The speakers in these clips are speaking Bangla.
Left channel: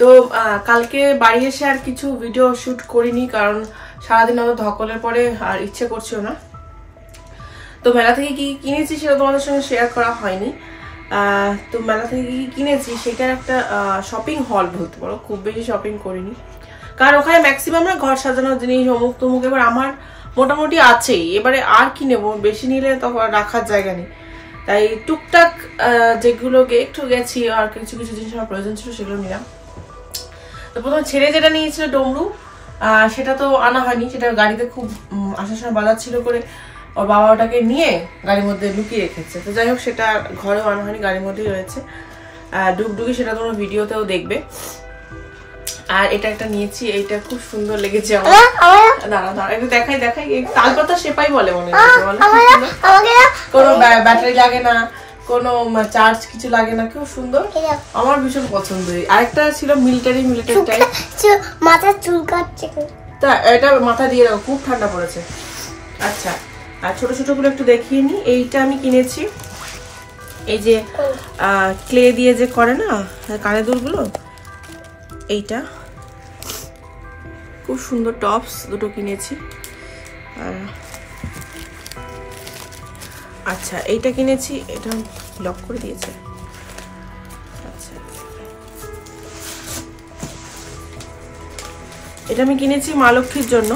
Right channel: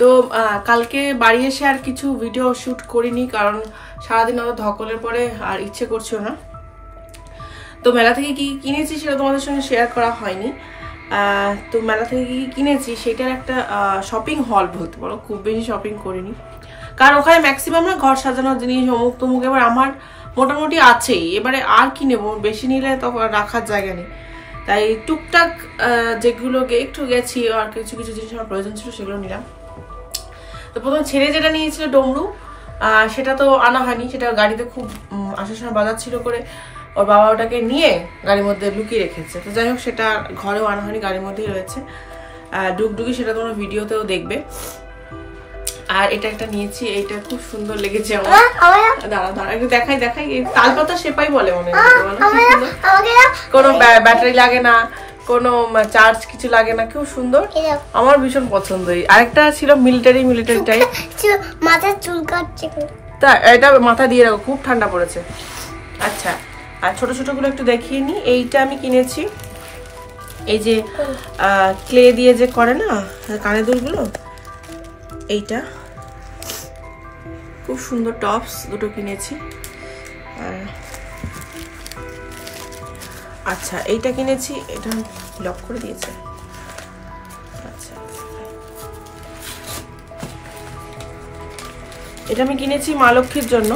তো কালকে বাড়ি এসে আর কিছু ভিডিও শুট করিনি, কারণ সারাদিন অত ধকলের পরে আর ইচ্ছে করছিল না। তো মেলা থেকে কি কিনেছি সেটা তোমাদের সঙ্গে শেয়ার করা হয়নি। তো মেলা থেকে কি কিনেছি সেটার একটা শপিং হল বলতে পারো, খুব বেশি শপিং করিনি, কারণ ওখানে ম্যাক্সিমাম না ঘর সাজানোর জিনিস অমুক তমুক এবার আমার মোটামুটি আছেই, এবারে আর কি নেবো, বেশি নিলে তখন রাখার জায়গা নেই। তাই টুকটাক যেগুলোকে একটু গেছি আর কিছু কিছু জিনিস আমার প্রয়োজন ছিল সেগুলো নিলাম। তো প্রথমে ছেড়ে যেটা নিয়েছিল ডমরু, সেটা তো আনা হয়নি, সেটা গাড়িতে খুব আসার সময় বাজার ছিল করে ওর বাবা ওটাকে নিয়ে গাড়ির মধ্যে লুকিয়ে রেখেছে। তো যাই হোক সেটা ঘরেও আনা হয়নি, গাড়ির মধ্যেই রয়েছে। ডুগডুগি সেটা তোমরা ভিডিওতেও দেখবে। আর এটা একটা নিয়েছি, এইটা খুব সুন্দর লেগেছে আমার। দাঁড়া দাঁড়া একটু দেখাই দেখাই, তালপাতা সেপাই বলে মনে হয়, কোনো ব্যাটারি লাগে না, কোনো চার্জ কিছু লাগে না, খুব সুন্দর, আমার ভীষণ পছন্দ। আরেকটা ছিল মিলিটারি টাইপ, মাথার চুল কাটছে, তা এটা মাথা দিয়ে রাখো, খুব ঠান্ডা পড়েছে। আচ্ছা, আর ছোট ছোট গুলো একটু দেখিয়ে নি। এইটা আমি কিনেছি, এই যে ক্লে দিয়ে যে করে না কানের দুলগুলো, এইটা খুব সুন্দর। টপস দুটো কিনেছি। আচ্ছা এইটা কিনেছি, এটা লক করে দিয়েছে। আচ্ছা এটা আমি কিনেছি মা লক্ষ্মীর জন্য।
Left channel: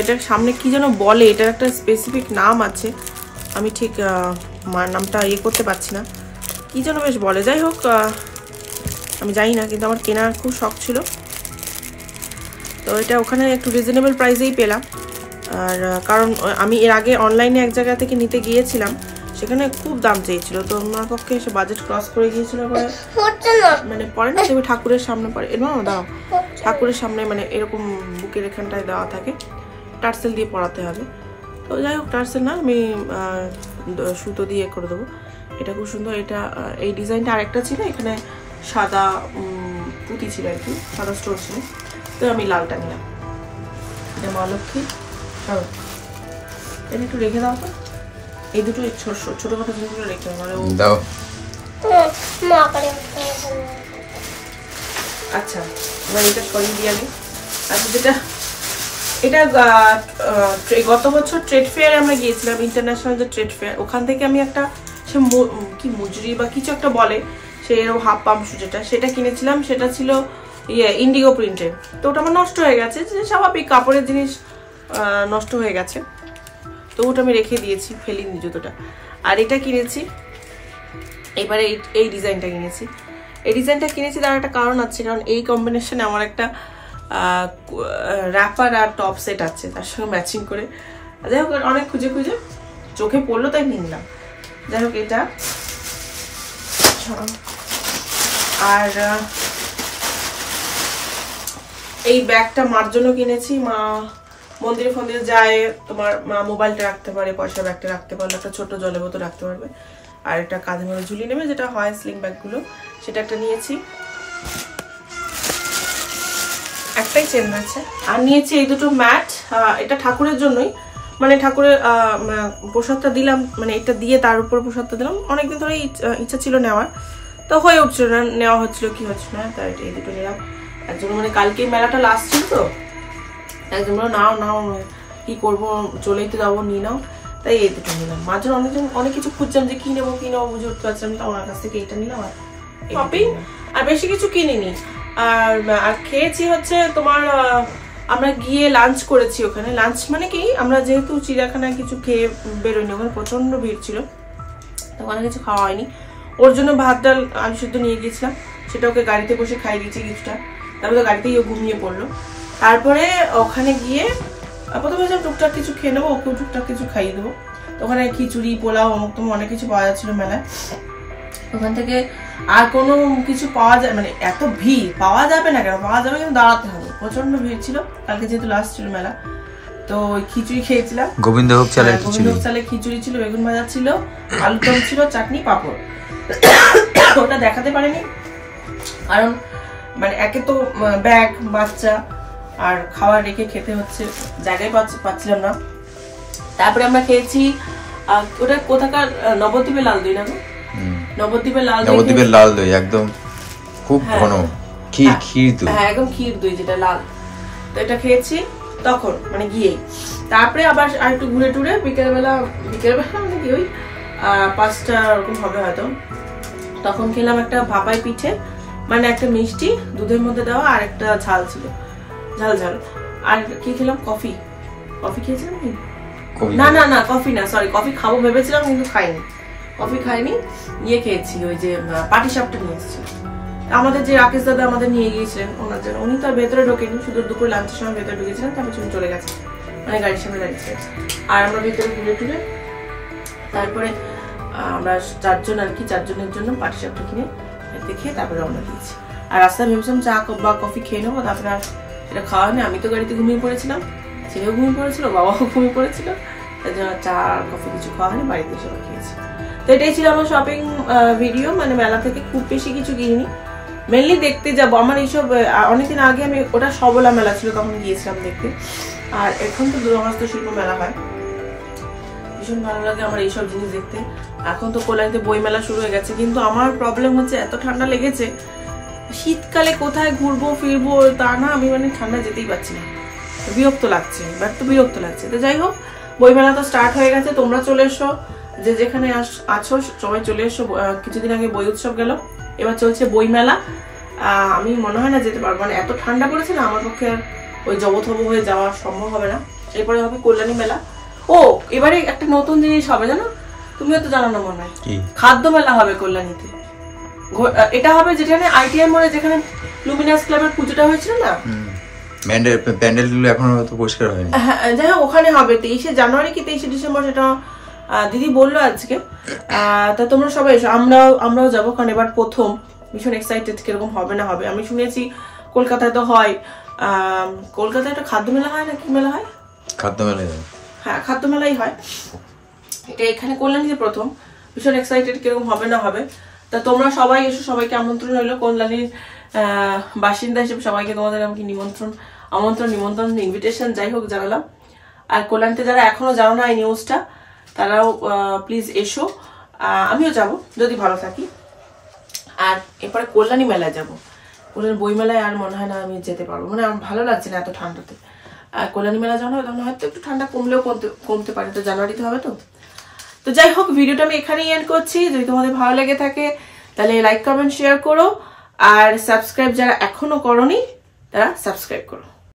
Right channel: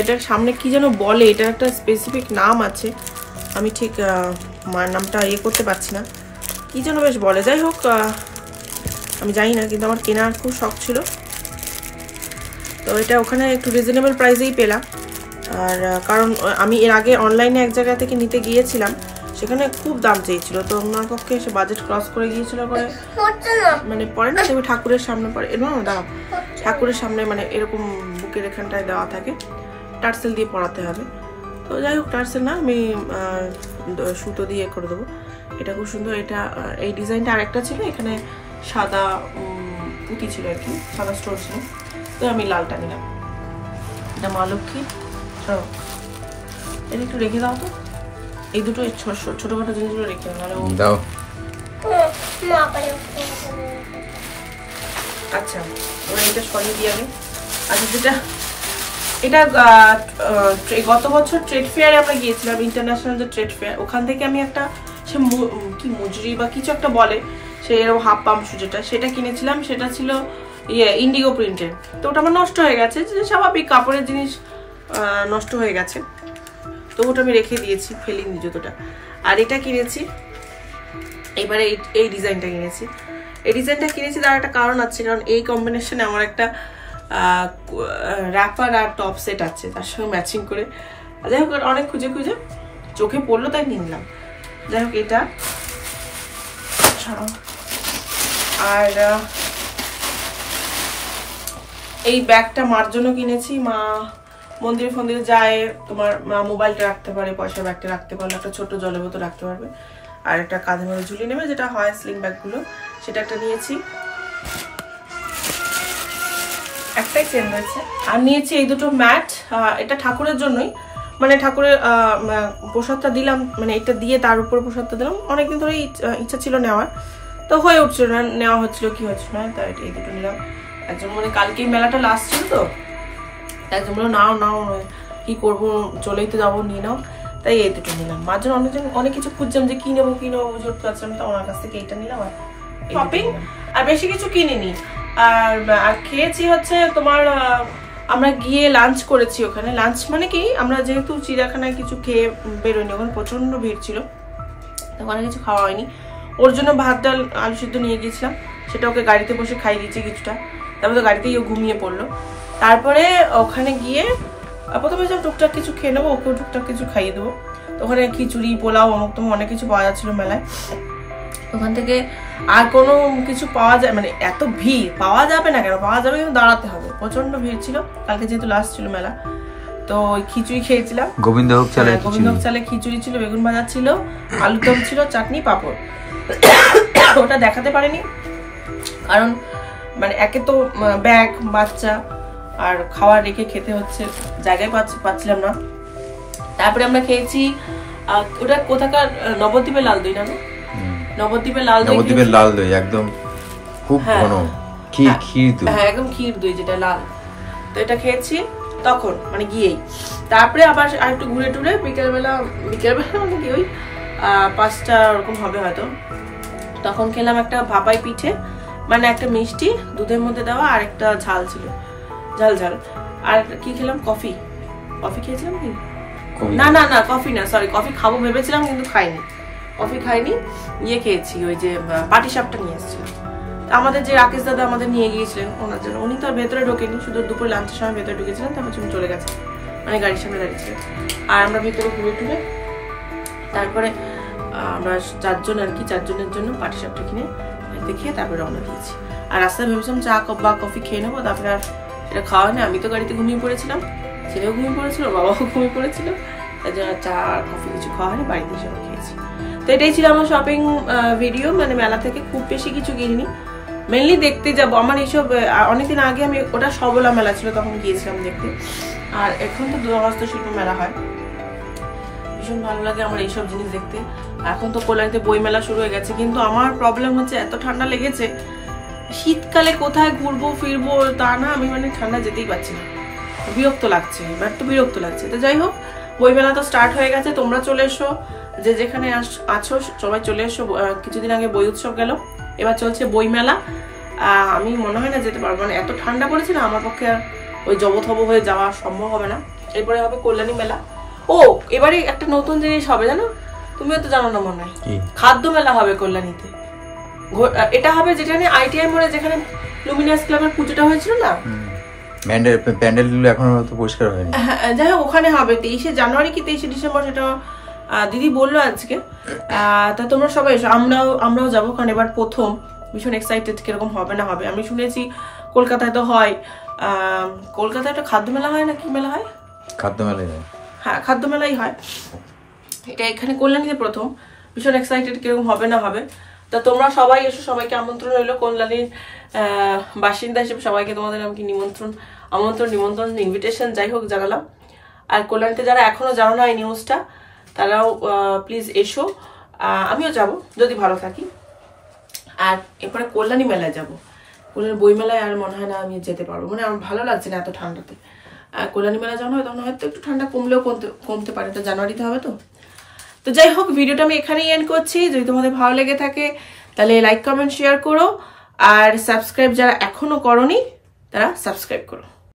এটা সামনে কি যেন বলে, এটার একটা স্পেসিফিক নাম আছে, আমি ঠিক নামটা ইয়ে করতে পারছি না, কি যেন বেশ বলে। যাই হোক আমি জানি না, কিন্তু আমার কেনার খুব শখ ছিল। তো এটা ওখানে একটু রিজনেবল প্রাইসেই পেলাম। আর কারণ আমি এর আগে অনলাইনে এক জায়গা থেকে নিতে গিয়েছিলাম, সেখানে খুব দাম চেয়েছিল, তো আমার পক্ষে এসে বাজেট ক্রস করে গিয়েছিল করে, মানে পরে না তুমি ঠাকুরের সামনে পরে দাঁড়াও, ঠাকুরের সামনে মানে এরকম বুকের এখানটায় দেওয়া থাকে, টার্সেল দিয়ে পরাতে হবে। তো যাই হোক টার্সেল না, আমি সুতো দিয়ে করে দেবো। এটা খুব সুন্দর। এটা এই ডিজাইনটা আরেকটা ছিল, এখানে সাদা পুঁতি ছিল আর কি, সাদা স্টোন ছিল, তো আমি লালটা নিলাম। এটা মা লক্ষ্মী, সরো এটা একটু রেখে দাও তো, এই দুটো ছোটখাটো জিনিসগুলো রেখে দাও। আচ্ছা এবার এটা সরিয়ে দিয়ে আগে। আচ্ছা যেটা এটা গত বছর ট্রেড ফেয়ারে আমরা গিয়েছিলাম, ইন্টারন্যাশনাল যে ট্রেড ফেয়ার, ওখান থেকে আমি একটা সে কি মজুরি বা কিছু একটা বলে, সে এরকম হাফ পাম্প শু সেটা কিনেছিলাম। সেটা ছিল ইন্ডিগো প্রিন্টের। তো ওটা আমার নষ্ট হয়ে গেছে, যে স্বাভাবিক কাপড়ের জিনিস নষ্ট হয়ে গেছে, তো ওটা আমি রেখে দিয়েছি, ফেলিনি জুতোটা। আর এটা কিনেছি, এবারে এই ডিজাইনটা কিনেছি। এই ডিজাইনটা কিনেছি তার একটা কারণ আছে, কারণ এই কম্বিনেশনে আমার একটা র্যাপার আর টপ সেট আছে তার সঙ্গে ম্যাচিং করে। যাই হোক অনেক খুঁজে খুঁজে চোখে পড়লো তাই নিলাম। যাই হোক এটা, আর এই ব্যাগটা মার জন্য কিনেছি। মা মন্দিরে ফন্দিরে যায়, তোমার মা মোবাইলটা রাখতে পারে, পয়সা ব্যাগটা রাখতে পারলে, একটা ছোট জলের বোতল রাখতে পারবে, আর একটা কাঁধে মধ্যে ঝুলিয়ে নেবে যেটা হয় স্লিং ব্যাগগুলো, সেটা একটা নিয়েছি। একটাই চেন রয়েছে। আর নিয়েছি এই দুটো ম্যাট, এটা ঠাকুরের জন্যই, মানে ঠাকুরের প্রসাদটা দিলাম, মানে এটা দিয়ে তার উপর প্রসাদটা দিলাম। অনেকদিন ধরে ইচ্ছা ছিল নেওয়ার, তো হয়ে উঠছিল না, নেওয়া হচ্ছিল কি হচ্ছিল না, তাই এই দুটো নিলাম। একজন মানে কালকে মেলাটা লাস্ট ছিল, তো একজন বললো নাও নাও, কি করবো, চলেই তো যাবো, নিয়ে নাও, তাই এই দুটো নিলাম। মাঝে অনেক কিছু খুঁজছিলাম যে কি নেবো বুঝে উঠতে পারছিলাম, তা ওনার কাছ থেকে এইটা নিলাম। আর শপিং আর বেশি কিছু কিনিনি। আর খেয়েছি হচ্ছে তোমার, আমরা গিয়ে লাঞ্চ করেছি ওখানে। লাঞ্চ মানে কি, আমরা যেহেতু চিড়িয়াখানায় কিছু খেয়ে বেরোয়নি, ওখানে প্রচন্ড ভিড় ছিল, তো ওখানে কিছু খাওয়া হয়নি। ওর জন্য ভাত ডাল আলু সিদ্ধ নিয়ে গিয়েছিলাম, সেটা ওকে গাড়িতে বসে খাইয়ে দিয়েছি কিছুটা, তারপরে তো গাড়িতেই ও ঘুমিয়ে পড়লো। তারপরে ওখানে গিয়ে প্রথমে যা টুকটাক কিছু খেয়ে নেবো, ওকেও টুকটাক কিছু খাইয়ে দেবো। তো ওখানে খিচুড়ি পোলাও অমুক তমুক অনেক কিছু পাওয়া যাচ্ছিল মেলায়। ওখান থেকে আর কোনো কিছু পাওয়া যায়, মানে এত ভিড়, পাওয়া যাবে না কেন, পাওয়া যাবে কিন্তু দাঁড়াতে হবে, প্রচন্ড ভিড় ছিল কালকে যেহেতু লাস্ট ছিল মেলা। তো খিচুড়ি খেয়েছিলাম, গোবিন্দভোগ চালের খিচুড়ি ছিল, বেগুন ভাজা ছিল, আলুদম ছিল, চাটনি পাঁপড়। ওটা দেখাতে পারিনি কারণ মানে একে তো ব্যাগ বাচ্চা আর খাবার রেখে খেতে হচ্ছে, জায়গায় পাচ্ছিলাম না। তারপরে আমরা খেয়েছি, ওটা কোথাকার নবদ্বীপের লাল দই না, নবদ্বীপের লাল দই একদম খুব ঘন, ক্ষীর দই, হ্যাঁ একদম ক্ষীর দই যেটা লাল। তো এটা খেয়েছি তখন মানে গিয়েই। তারপরে আবার আর একটু ঘুরে টুরে বিকেলবেলা মানে কি ওই 5টা ওরকম হবে হয়তো, তখন খেলাম একটা ভাপাই পিঠে, মানে একটা মিষ্টি দুধের মধ্যে দেওয়া আর একটা ঝাল ছিল, ঝাল ঝাল। আর কি খেলাম, কফি খেয়েছিলাম কি না কফি না, সরি কফি খাবো ভেবেছিলাম কিন্তু খাইনি, কফি খাইনি, ইয়ে খেয়েছি ওই যে পাটিসাপটা নিয়ে এসেছিল আমাদের যে রাকেশ দাদা আমাদের নিয়ে গিয়েছিলেন ওনার জন্য। উনি তো ভেতরে ঢোকেনি, শুধু দুপুর লাঞ্চের সময় ভেতরে ঢুকেছিলেন, তারপর তুমি চলে গেছে, মানে গাড়ির সামনে দাঁড়িয়েছিলেন। আর আমরা ভেতরে ঘুরে টুরে তারপরে আমরা 4 জন আর কি, 4 জনের জন্য পাটিসাপটা কিনে খেয়ে তারপরে রওনা দিয়েছি। আর রাস্তায় ভেবেছিলাম চা বা কফি খেয়ে নেবো, তারপরে আর সেটা খাওয়া হয়নি। আমি তো গাড়িতে ঘুমিয়ে পড়েছিলাম, ছেলেও ঘুমিয়ে পড়েছিল, বাবাও ঘুমিয়ে পড়েছিল, তার জন্য চা কফি কিছু খাওয়া হয়নি, বাড়িতে এসে খেয়েছি। তো এটাই ছিল আমার শপিং ভিডিও। মানে মেলা থেকে খুব বেশি কিছু কিনিনি, মেনলি দেখতে যাবো। আমার এইসব অনেকদিন আগে আমি ওটা সবলা মেলা ছিল তখন গিয়েছিলাম দেখতে, আর এখন তো হস্তশিল্প মেলা হয়, ভীষণ ভালো লাগে আমার এইসব জিনিস দেখতে। এখন তো কল্যাণীতে বই মেলা শুরু হয়ে গেছে, কিন্তু আমার প্রবলেম হচ্ছে এত ঠান্ডা লেগেছে, শীতকালে কোথায় ঘুরবো ফিরবো তা না, আমি মানে ঠান্ডা যেতেই পারছি না, বিরক্ত লাগছে, এবার তো বিরক্ত লাগছে। তো যাই হোক, বইমেলা তো স্টার্ট হয়ে গেছে, তোমরা চলে এসো, যে যেখানে আছো সবাই চলে এসো। কিছুদিন আগে বই উৎসব গেল, এবার চলছে বইমেলা। আমি মনে হয় না যেতে পারবো, মানে এত ঠান্ডা পড়েছে না, আমার পক্ষে আর ওই জবথব হয়ে যাওয়া সম্ভব হবে না। এরপরে হবে কল্যাণী মেলা। ও এবারে একটা নতুন জিনিস হবে জানো, তুমিও তো জানো না মনে হয়, খাদ্য মেলা হবে কল্যাণীতে। এটা হবে যেখানে ITI মোড়ে যেখানে লুমিনাস ক্লাবের পুজোটা হয়েছিল না, প্যান্ডেলগুলো এখনো তো পরিষ্কার হয়নি। হ্যাঁ যাই হোক, ওখানে হবে 23শে জানুয়ারি কি 23শে ডিসেম্বর, সেটা দিদি বললো আজকে। তা তোমরা সবাই এসো, আমরাও যাবো, কারণ এবার প্রথম, ভীষণ এক্সাইটেড কিরকম হবে না হবে। আমি শুনেছি কলকাতায় তো হয়, কলকাতায় একটা খাদ্য মেলা হয় না, কি মেলা হয়, খাদ্য মেলাই হয়, হ্যাঁ খাদ্য মেলাই হয়, এটা এখানে কল্যাণীতে প্রথম। ভীষণ এক্সাইটেড কিরকম হবে না হবে। তা তোমরা সবাই এসো, সবাইকে আমন্ত্রণ রইলো। কল্যাণীর বাসিন্দা হিসেবে সবাইকে তোমাদের আমি নিমন্ত্রণ ইনভিটেশন যাই হোক জানালাম। আর কল্যাণীতে যারা এখনো জানো না এই নিউজটা, তারাও প্লিজ এসো, আমিও যাব যদি ভালো থাকি। আর এরপরে কল্যাণী মেলায় যাবো, কল্যাণী বই মেলায় আর মনে হয় না আমি যেতে পারবো, মানে আমার ভালো লাগছে না এত ঠান্ডাতে। কল্যাণী মেলা যখন হয় তখন হয়তো একটু ঠান্ডা কমলেও কমতে পারে, তো জানুয়ারিতে হবে তো। তো যাই হোক, ভিডিওটা আমি এখানেই এন্ড করছি। যদি তোমাদের ভালো লেগে থাকে তাহলে লাইক কমেন্ট শেয়ার করো, আর সাবস্ক্রাইব যারা এখনো করোনি তারা সাবস্ক্রাইব করো।